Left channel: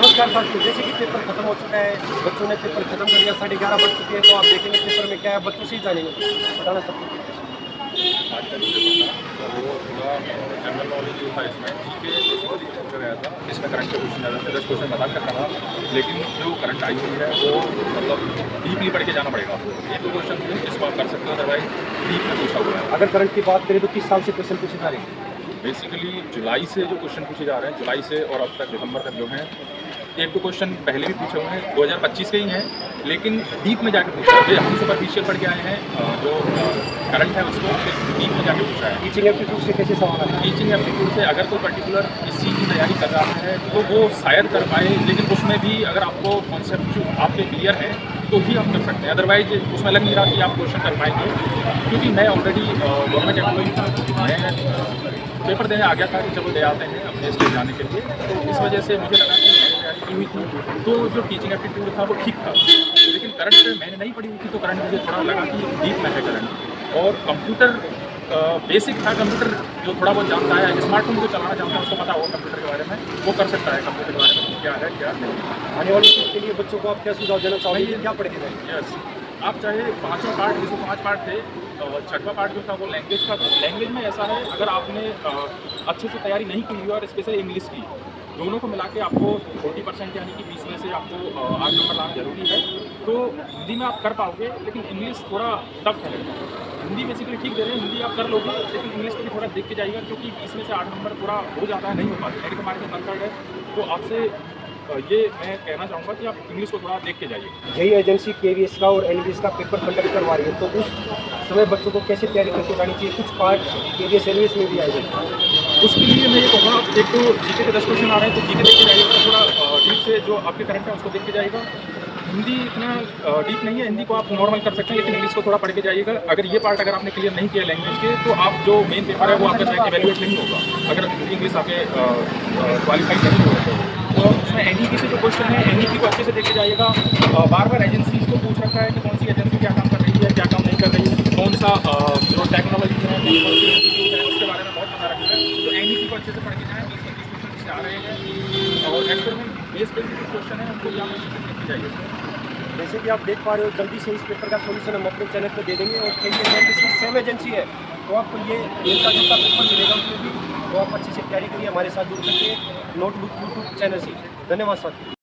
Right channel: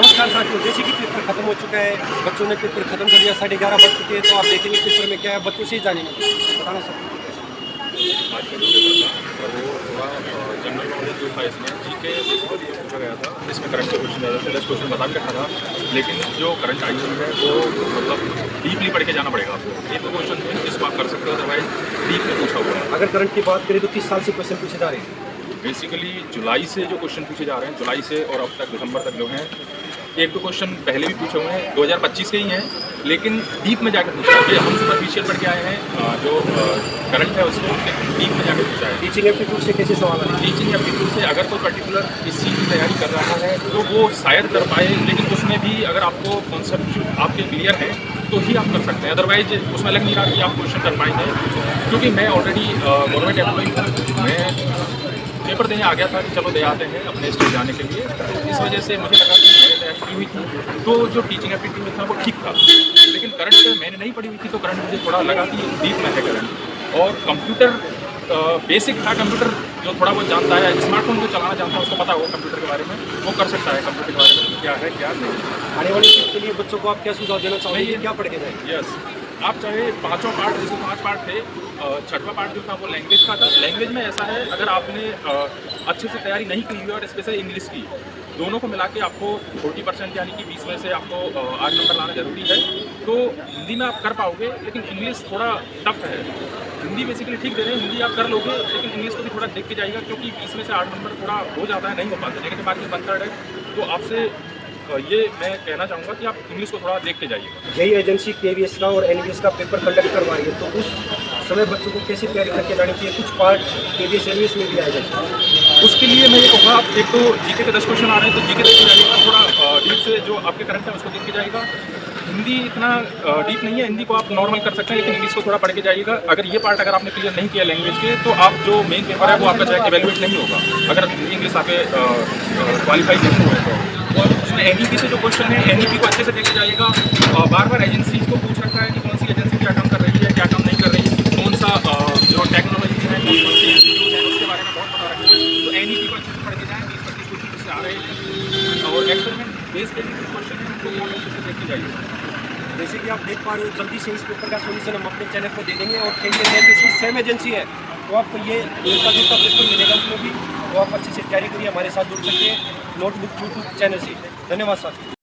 नमस्कार साथियों, जैसे कि पेपर खत्म हो चुका है, बच्चों ने पेपर खत्म कर दिया, 11:30 बज चुके हैं, तो आप देखेंगे पेपर में क्या है, बच्चों से ही जानेंगे। बताना सकते हैं। आज का जो पेपर था वो थोड़ा जनरल नॉलेज जो था इसमें जीके बेसिकली पूछा गया था, जिसमें करंट के क्वेश्चन ज़्यादा थे। 10 क्वेश्चन बता के रखा था, लेकिन जो करंट आई हुई है वो मतलब डीपली पढ़ के जाना पड़ेगा आपको। एक दो क्वेश्चन थे जिसको आप कर सकते हो, अदरवाइज डीप में पूछा हुआ है। अगर करंट की बात करें तो किस साल से क्वेश्चन पूछे जा रहे हैं? बेसिकली जुलाई से जो क्वेश्चन पूछे जा रहे हैं, जुलाई से और अब तक दिसंबर तक जो हैं, एक दो क्वेश्चन पहले भी पूछे हुए हैं, 2025 के ही हैं, लेकिन डीप में जाकर पूछा है। हम सुपरफिशियल पढ़ के आए हैं, जो करंट है उसको डीप में जाकर पूछा है। टीचिंग एप्टीट्यूड से कैसे सवाल आए? टीचिंग एप्टीट्यूड से अगर कोई पर्टिकुलर इस चीज़ की तैयारी कर रहा है तो वो शायद कर पाए, लेकिन उसमें भी अगर आपको कॉन्सेप्ट आपके क्लियर है तो ही आप कर सकते हैं। अदरवाइज उसमें लग नहीं रहा कि आप क्वेश्चन कर पाएंगे, क्योंकि मैं ऑलरेडी गवर्नमेंट एम्प्लॉई हूँ। मैं पेपर देने आ गया था कि चलो दे आते हैं अपने स्टेट जाने के लिए, तो इस वजह से मुझे लगा कि मैंने तैयारी की हुई थी तो जो टीचिंग एप्टीट्यूड था वो ठीक था। लेकिन करंट मैंने नहीं पढ़ी हुई थी, तो करंट मुझे थोड़ा लगा कि डीप में है करंट। और कंप्यूटर बेसिक था, कंप्यूटर जो थोड़ा बहुत जानता है, स्मार्टफोन जो चलाना जानता है उसको पता होगा कंप्यूटर के बारे में, वो कर सकता है कंप्यूटर के बारे में क्या है क्या नहीं। आने वाली शिफ्ट के लिए बच्चों को आप क्या सुझाव देना चाहोगे, क्या पढ़ के जाएंगे? यस, आप चाहे पाँचों पार्ट, जैसे 5 पार्ट थे, छठवां पार्ट जो था वो लैंग्वेज का था। लैंग्वेज में ऐसा है, अगर आपने अच्छे से तैयारी नहीं की हुई और स्पेशली इंग्लिश की, दोनों को मिला के आपको 40% यानी कि 20 में से आपको 8 नंबर लाना ज़रूरी है। तो हिंदी में आप कर पाओगे, लेकिन इंग्लिश थोड़ा टफ है। हिंदी बेसिकली ठीक दे रहे हैं, हिंदी आप कर लोगे, लेकिन इंग्लिश को भी थोड़ा देख के जाइएगा, क्योंकि 20 में से 8 नंबर थोड़ा हो जाता है, नहीं हो पाते, नेगेटिव मार्किंग 1/3 है। तो आपसे ये मैं कहना चाहूँगा कि आप इंग्लिश को थोड़ा देख के जाइए। जेईई एजेंसी केवीएस का और एनवीएस का पेपर कंडक्ट करवा रही है, तो उस समय बच्चों को कैसे तैयारी करके जानी चाहिए? कुछ पार्ट केवीएस एनवीएस में भी आएगा। उसके लिए मैं ये कहूँगा, आप एक तो जीके के 10 क्वेश्चन आ रहे हैं तो जीके देख के जाइएगा, थोड़ा डीप से जो आपके करंट है उसको देख के जाइएगा। हिंदी इतना डीप नहीं है, हिंदी को आप नॉर्मल कर सकते हैं, लेकिन इंग्लिश को थोड़ा पढ़ के जाइएगा। अगर ये पार्ट अगर आपने क्लियर नहीं किया लैंग्वेज के, तो आप जो मेन पेपर है वो आपका चाहे इवेल्युएट नहीं होगा, अगर हिंदी इंग्लिश आपके क्वालिफाई नहीं होगा। और उसमें एनईपी से जो क्वेश्चन है, एनईपी को अच्छे से देख के जाइएगा। बार बार एजेंसी को पूछ रखा है कि कौन सी एजेंसी क्या काम कर रही है, क्या काम नहीं कर रही है, कौन सा जो टेक्नोलॉजी है, कौन से इंस्टीट्यूट है, उसके बारे में बहुत पता रखना है। तो एनईपी को अच्छे से पढ़ के जाएँ, 20-25 क्वेश्चन इससे आ रहे हैं, और एक्सपेरिमेंट बेस्ड पे कुछ क्वेश्चन है उनको भी आप अच्छे से देख के जाइए। जैसे कि आप देख पा रहे हो, जल्दी से इस पेपर का सोल्यूशन हम अपने चैनल पर दे देंगे, और केवीएस एनवीएस सेम एजेंसी है, तो आपको ये मिलता जुलता पेपर मिलेगा उसमें भी, तो आप अच्छे से तैयारी करिए, हमारे साथ जुड़ सकते हैं नोटबुक यूट्यूब चैनल से। धन्यवाद साथियों।